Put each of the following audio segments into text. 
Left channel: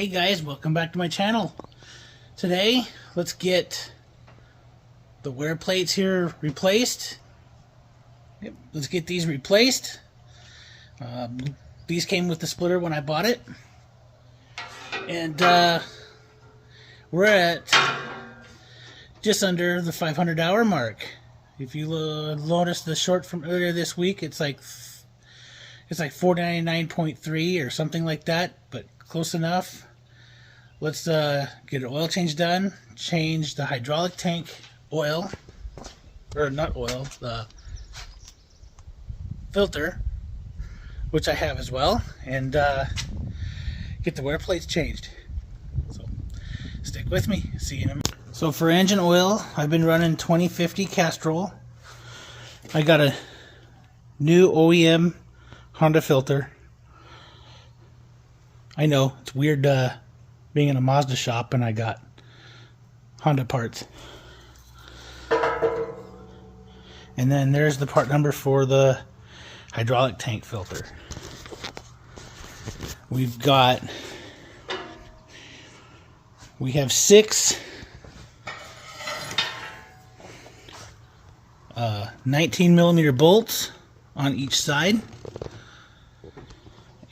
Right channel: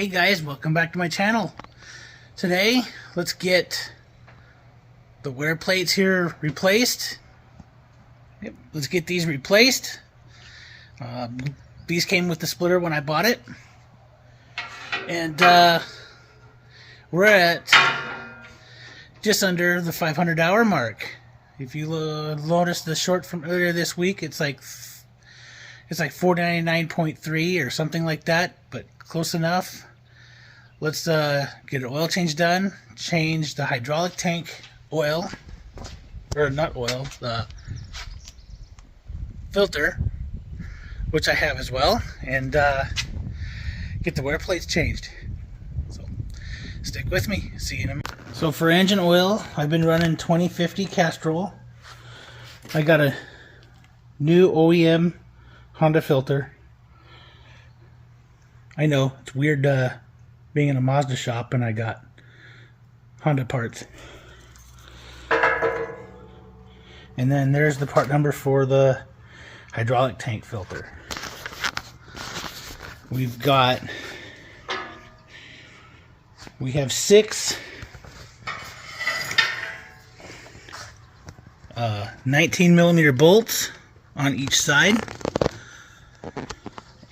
Hey guys, welcome back to my channel. Today, let's get the wear plates here replaced. Yep, let's get these replaced. These came with the splitter when I bought it. And we're at just under the 500-hour mark. If you notice the short from earlier this week, it's like 499.3 or something like that, but close enough. Let's get an oil change done, change the hydraulic tank oil, or not oil, the filter, which I have as well, and get the wear plates changed. So stick with me, see you in a minute. So for engine oil, I've been running 2050 Castrol. I got a new OEM Honda filter. I know, it's weird being in a Mazda shop and I got Honda parts. And then there's the part number for the hydraulic tank filter. We have 6 19mm bolts on each side,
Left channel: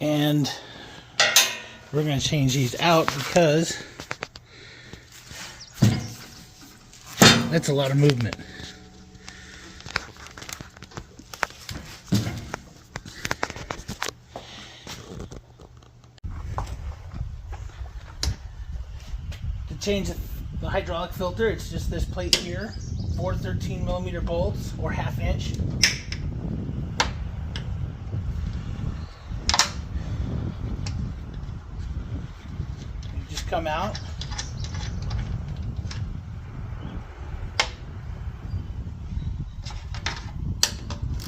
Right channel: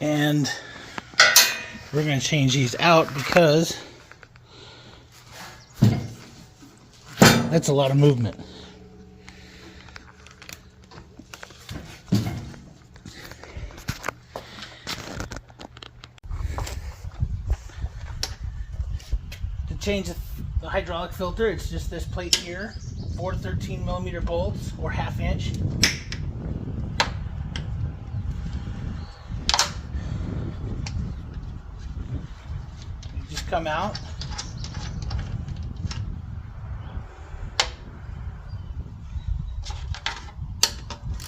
and we're going to change these out because that's a lot of movement. To change the hydraulic filter, it's just this plate here, 4 13mm bolts or 1/2 inch. Come out.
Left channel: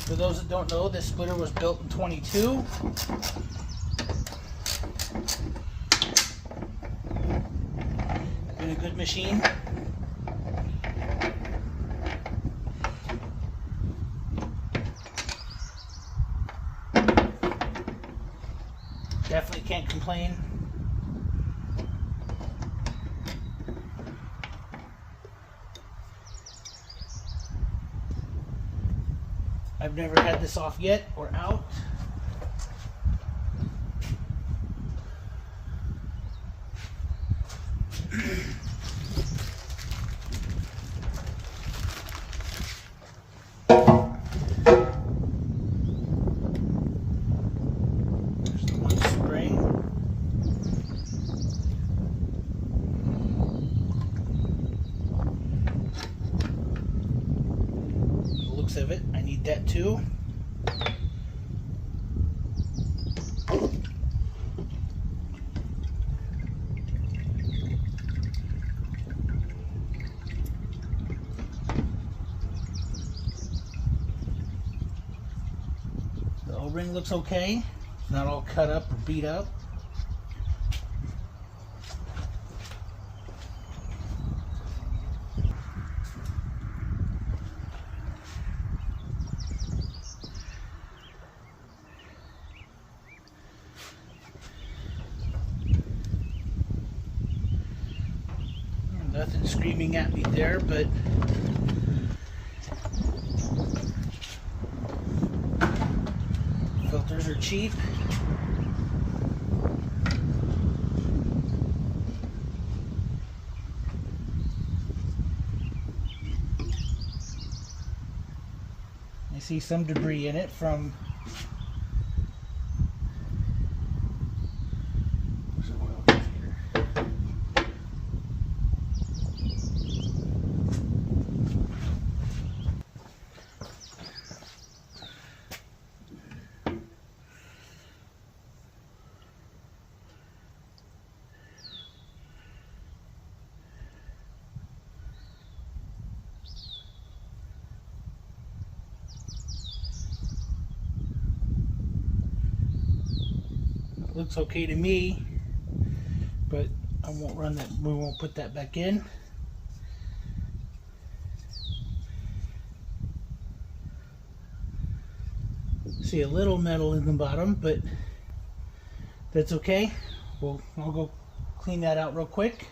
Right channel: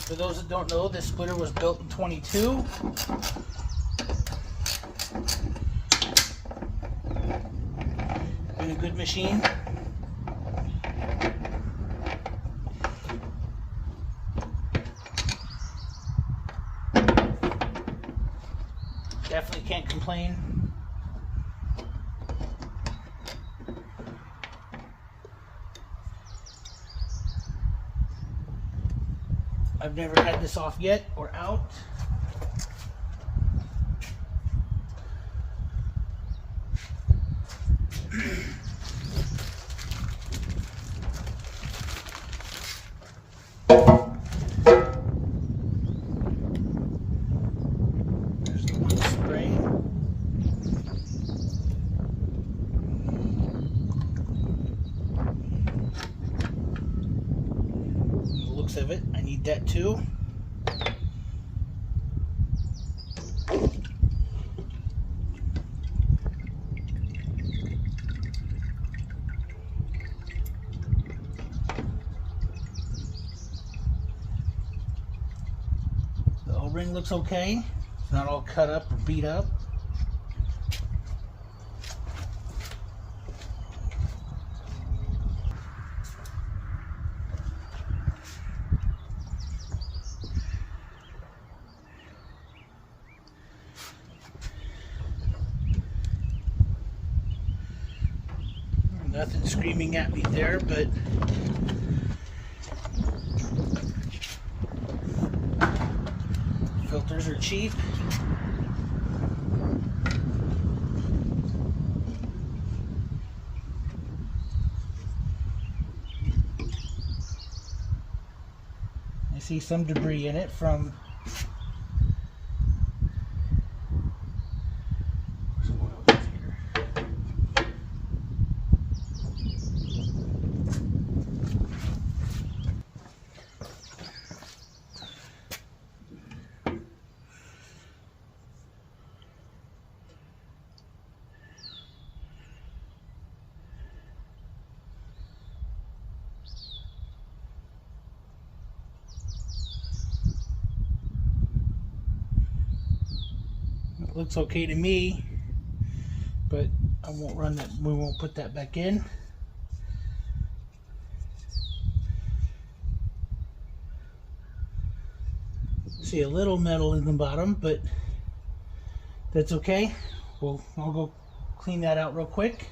For those that don't know, this splitter was built in 22. Been a good machine. Definitely can't complain. I've never had this off yet or out. There's the one spray. The looks of it, I need that too. The O-ring looks okay. It's not all cut up or beat up. Nothing screaming at me there, but filters are cheap. I see some debris in it from looks okay to me, but I won't run that. We won't put that back in. See a little metal in the bottom, but that's okay. I'll go clean that out real quick.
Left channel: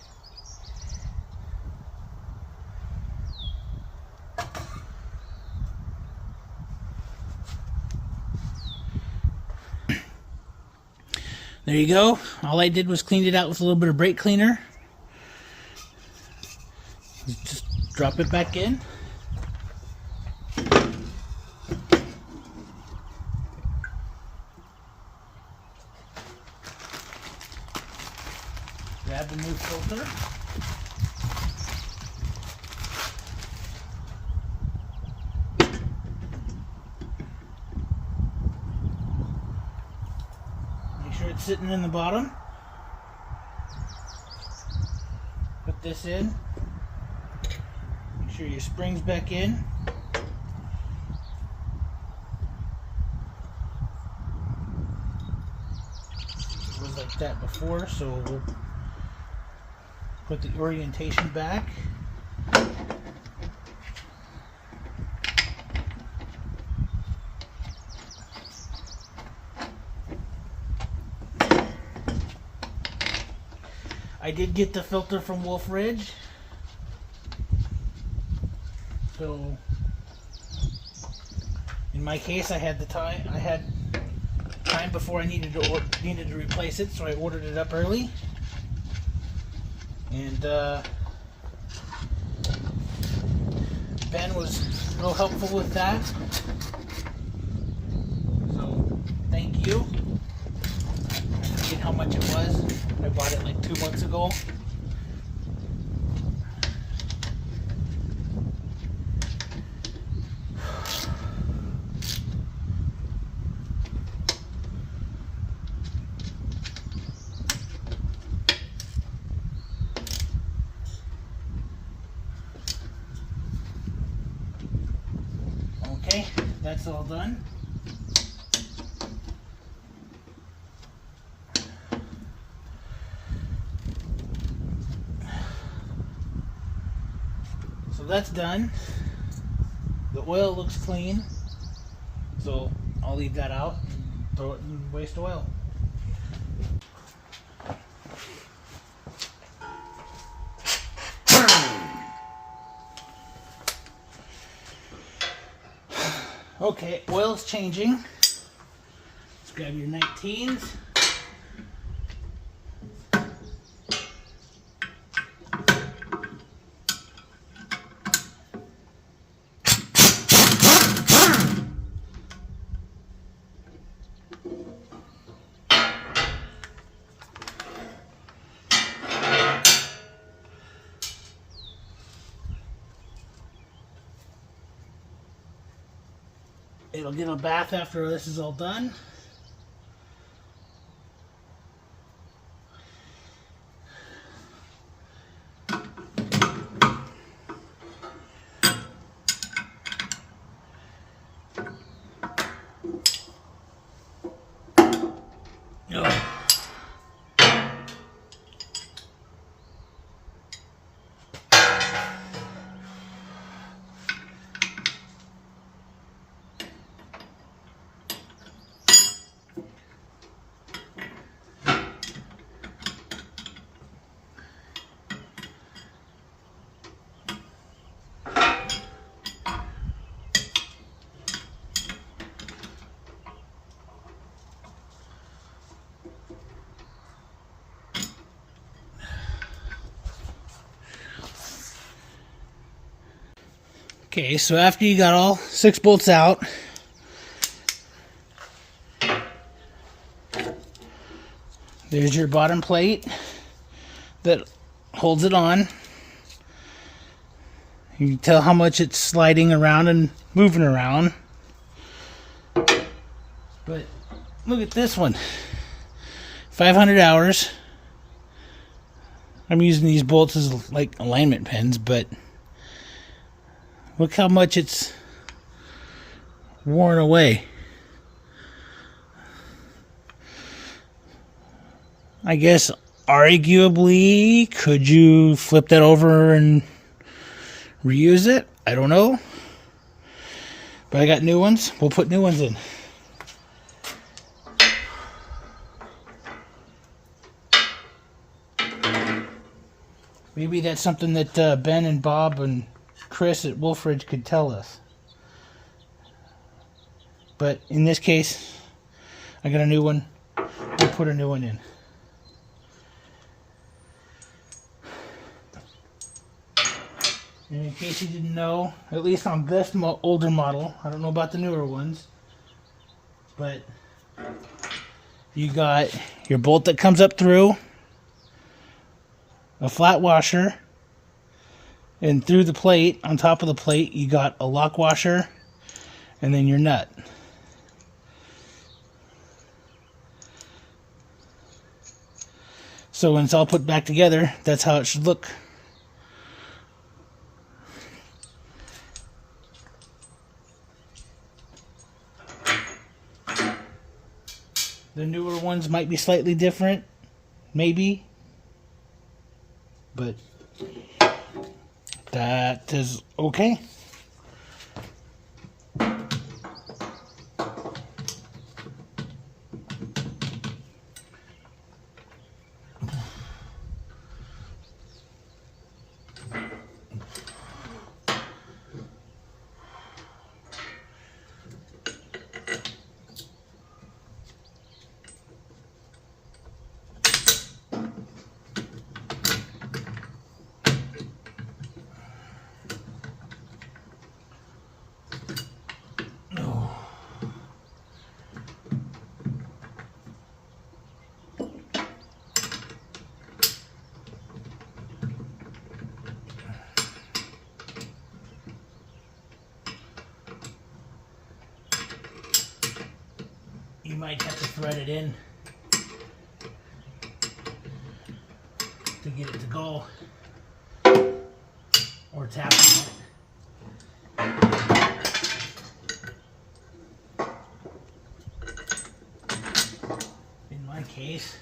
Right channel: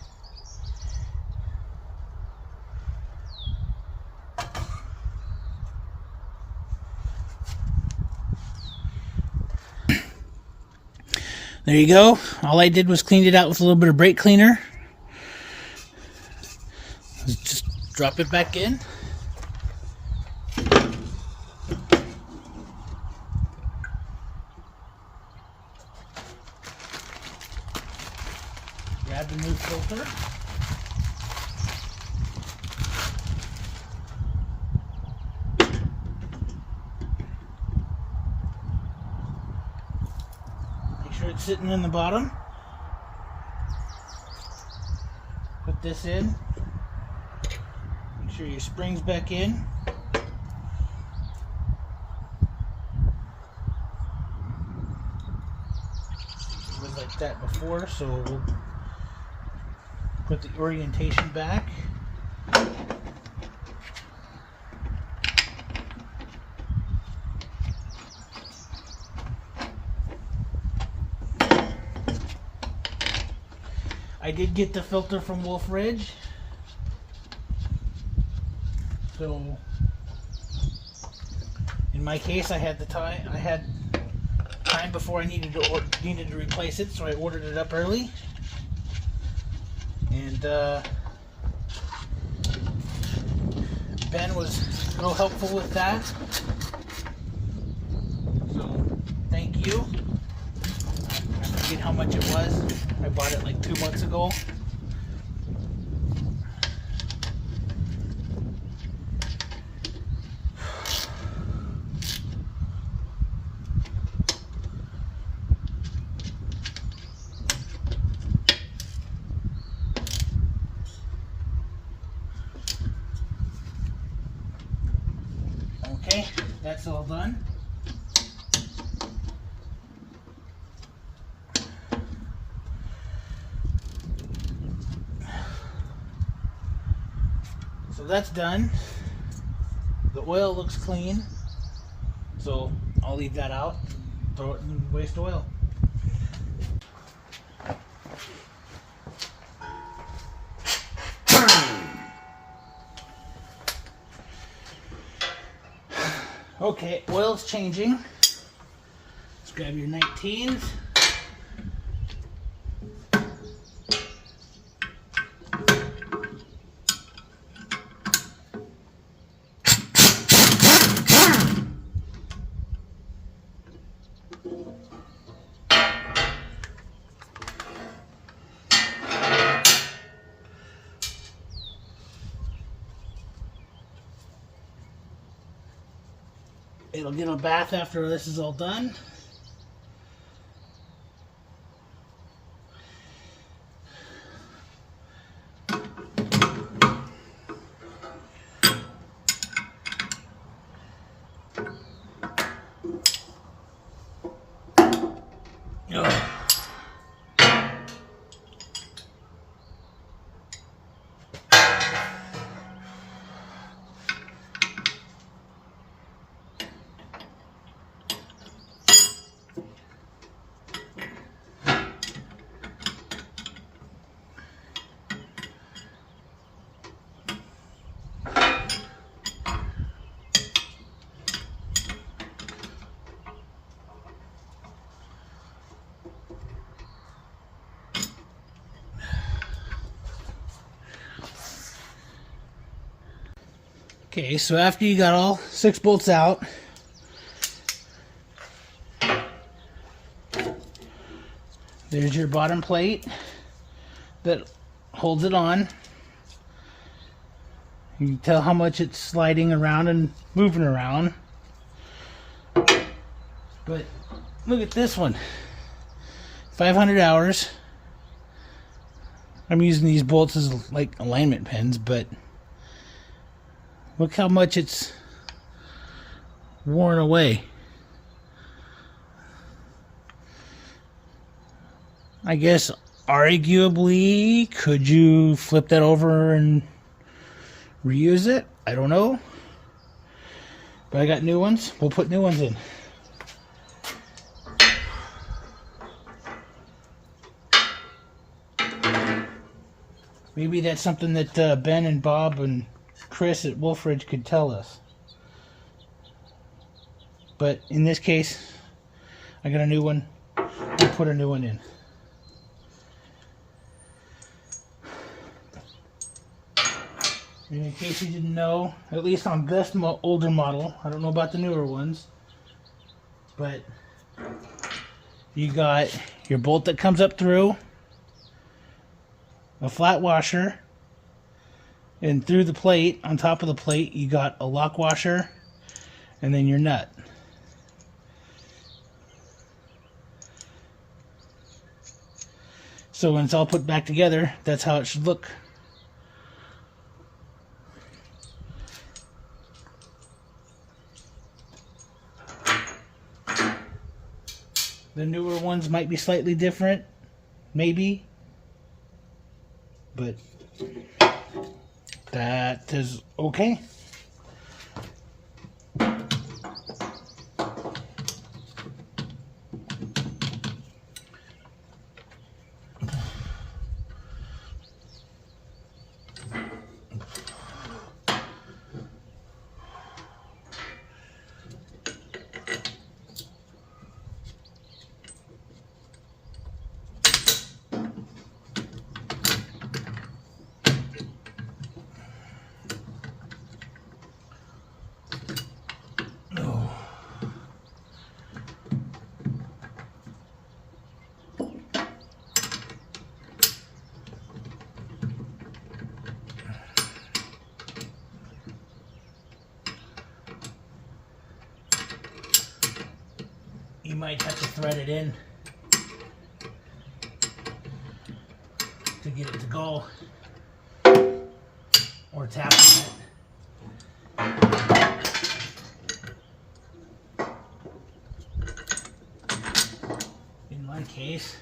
There you go. All I did was clean it out with a little bit of brake cleaner. Just drop it back in. Grab the new filter. Make sure it's sitting in the bottom. Put this in. Make sure your spring's back in. It was like that before, so we'll put the orientation back. I did get the filter from Wolfe Ridge. So in my case, I had time before I needed to replace it, so I ordered it up early. And Ben was real helpful with that. So thank you. I forget how much it was. I bought it like 2 months ago. Okay, that's all done. So that's done. The oil looks clean, so I'll leave that out and throw it in waste oil. Okay, oil's changing. Let's grab your 19s. It'll get a bath after this is all done. Oh. Okay, so after you got all 6 bolts out, there's your bottom plate that holds it on. You can tell how much it's sliding around and moving around. But look at this one. 500 hours. I'm using these bolts as like alignment pins, but look how much it's worn away. I guess arguably, could you flip that over and reuse it? I don't know. But I got new ones. We'll put new ones in. Maybe that's something that Ben and Bob and Chris at Wolfe could tell us. But in this case, I got a new one. I'll put a new one in. And in case you didn't know, at least on this older model, I don't know about the newer ones, but you got your bolt that comes up through, a flat washer, and through the plate, on top of the plate, you got a lock washer, and then your nut. So when it's all put back together, that's how it should look. The newer ones might be slightly different, maybe, but that is okay. You might have to thread it in to get it to go, or tap on it. In my case,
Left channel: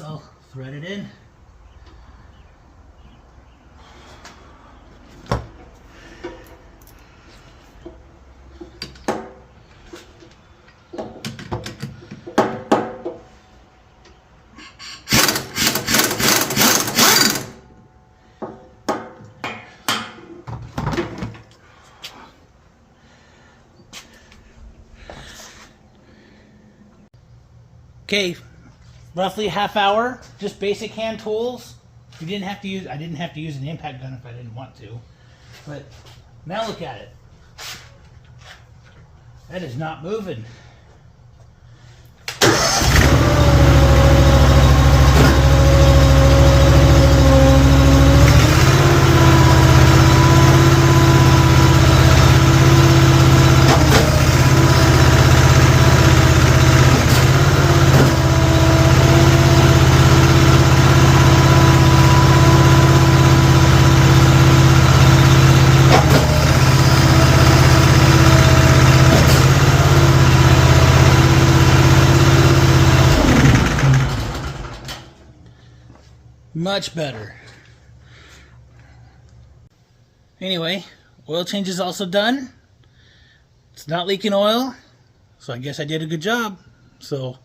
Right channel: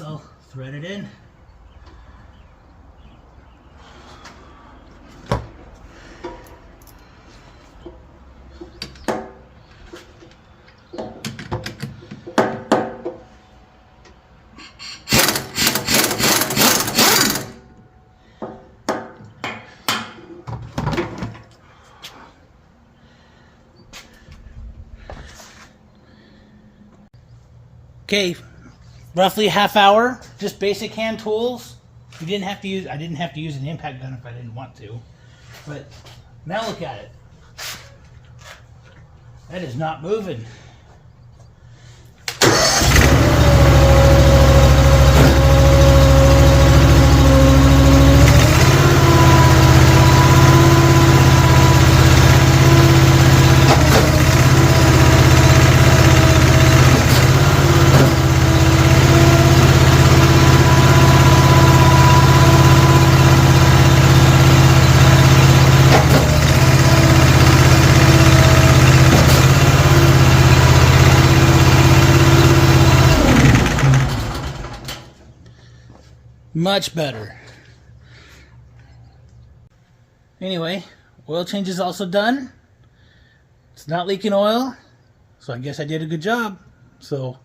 I'll thread it in. Okay. Roughly a half hour, just basic hand tools. I didn't have to use an impact gun if I didn't want to. But now look at it. That is not moving. Much better. Anyway, oil change is also done. It's not leaking oil, so I guess I did a good job. So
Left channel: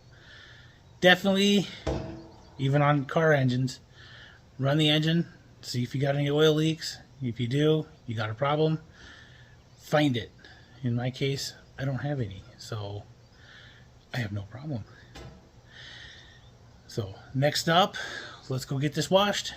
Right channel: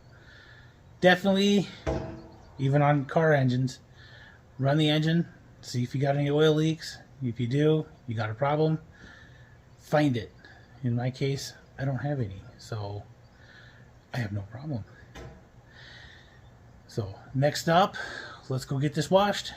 definitely, even on car engines, run the engine, see if you got any oil leaks. If you do, you got a problem, find it. In my case, I don't have any, so I have no problem. So next up, let's go get this washed.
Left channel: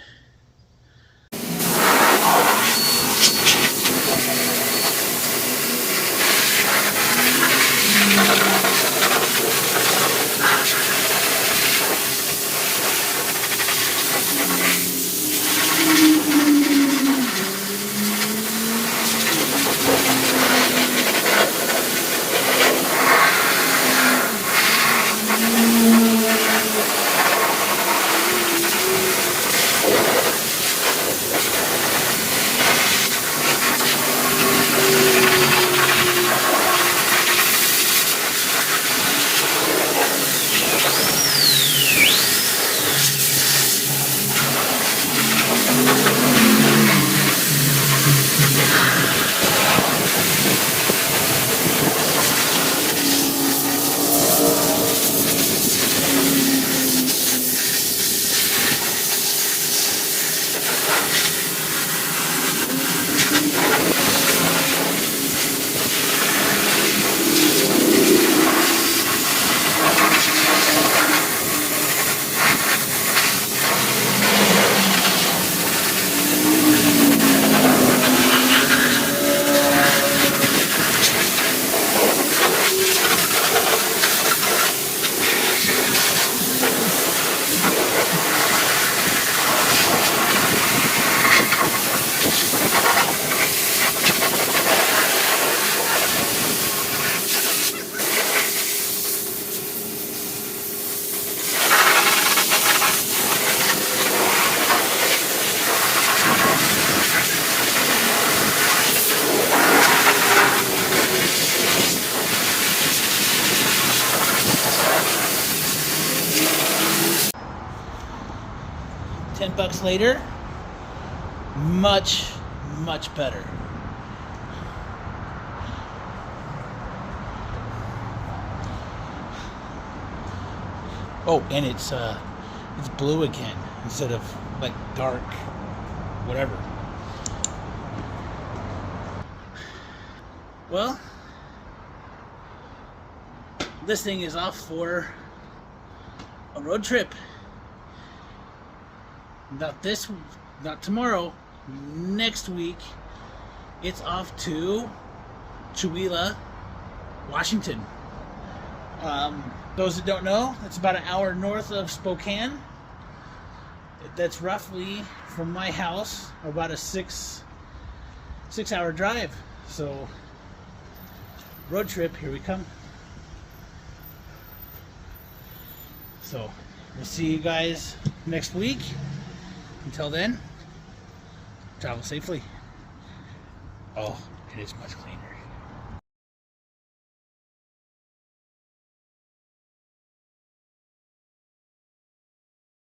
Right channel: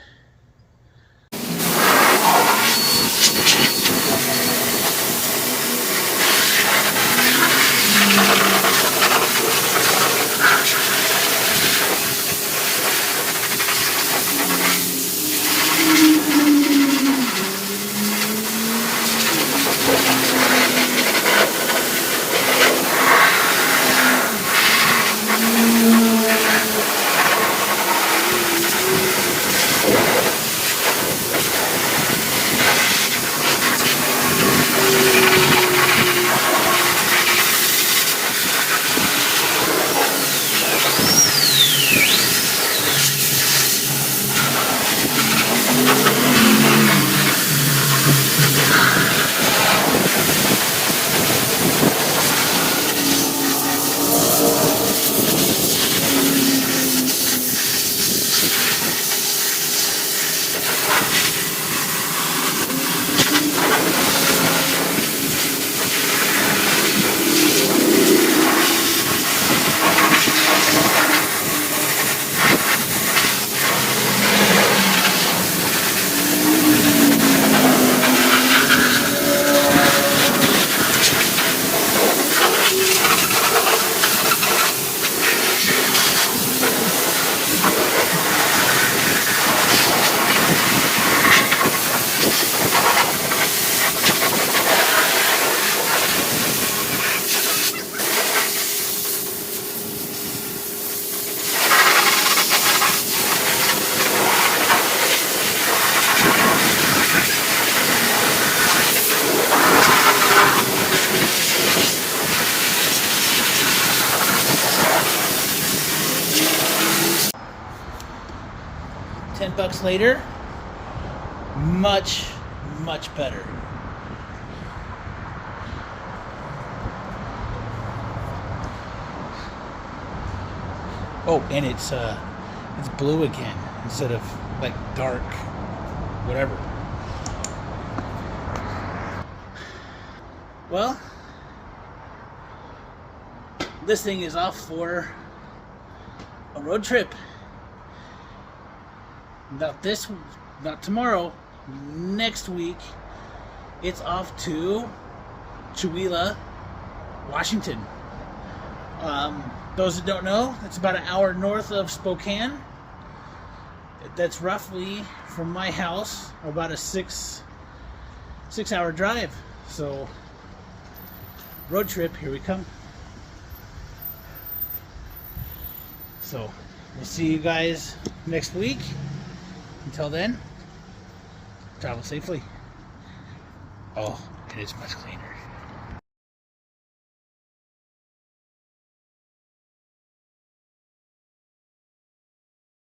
$10 later, much better. Oh, and it's blue again instead of like dark, whatever. Well, this thing is off for a road trip. Not tomorrow, next week, it's off to Chewelah, Washington. Those that don't know, it's about an hour north of Spokane. That's roughly from my house about a six-hour drive. So, road trip, here we come. So, we'll see you guys next week. Until then, travel safely. Oh, it is much cleaner.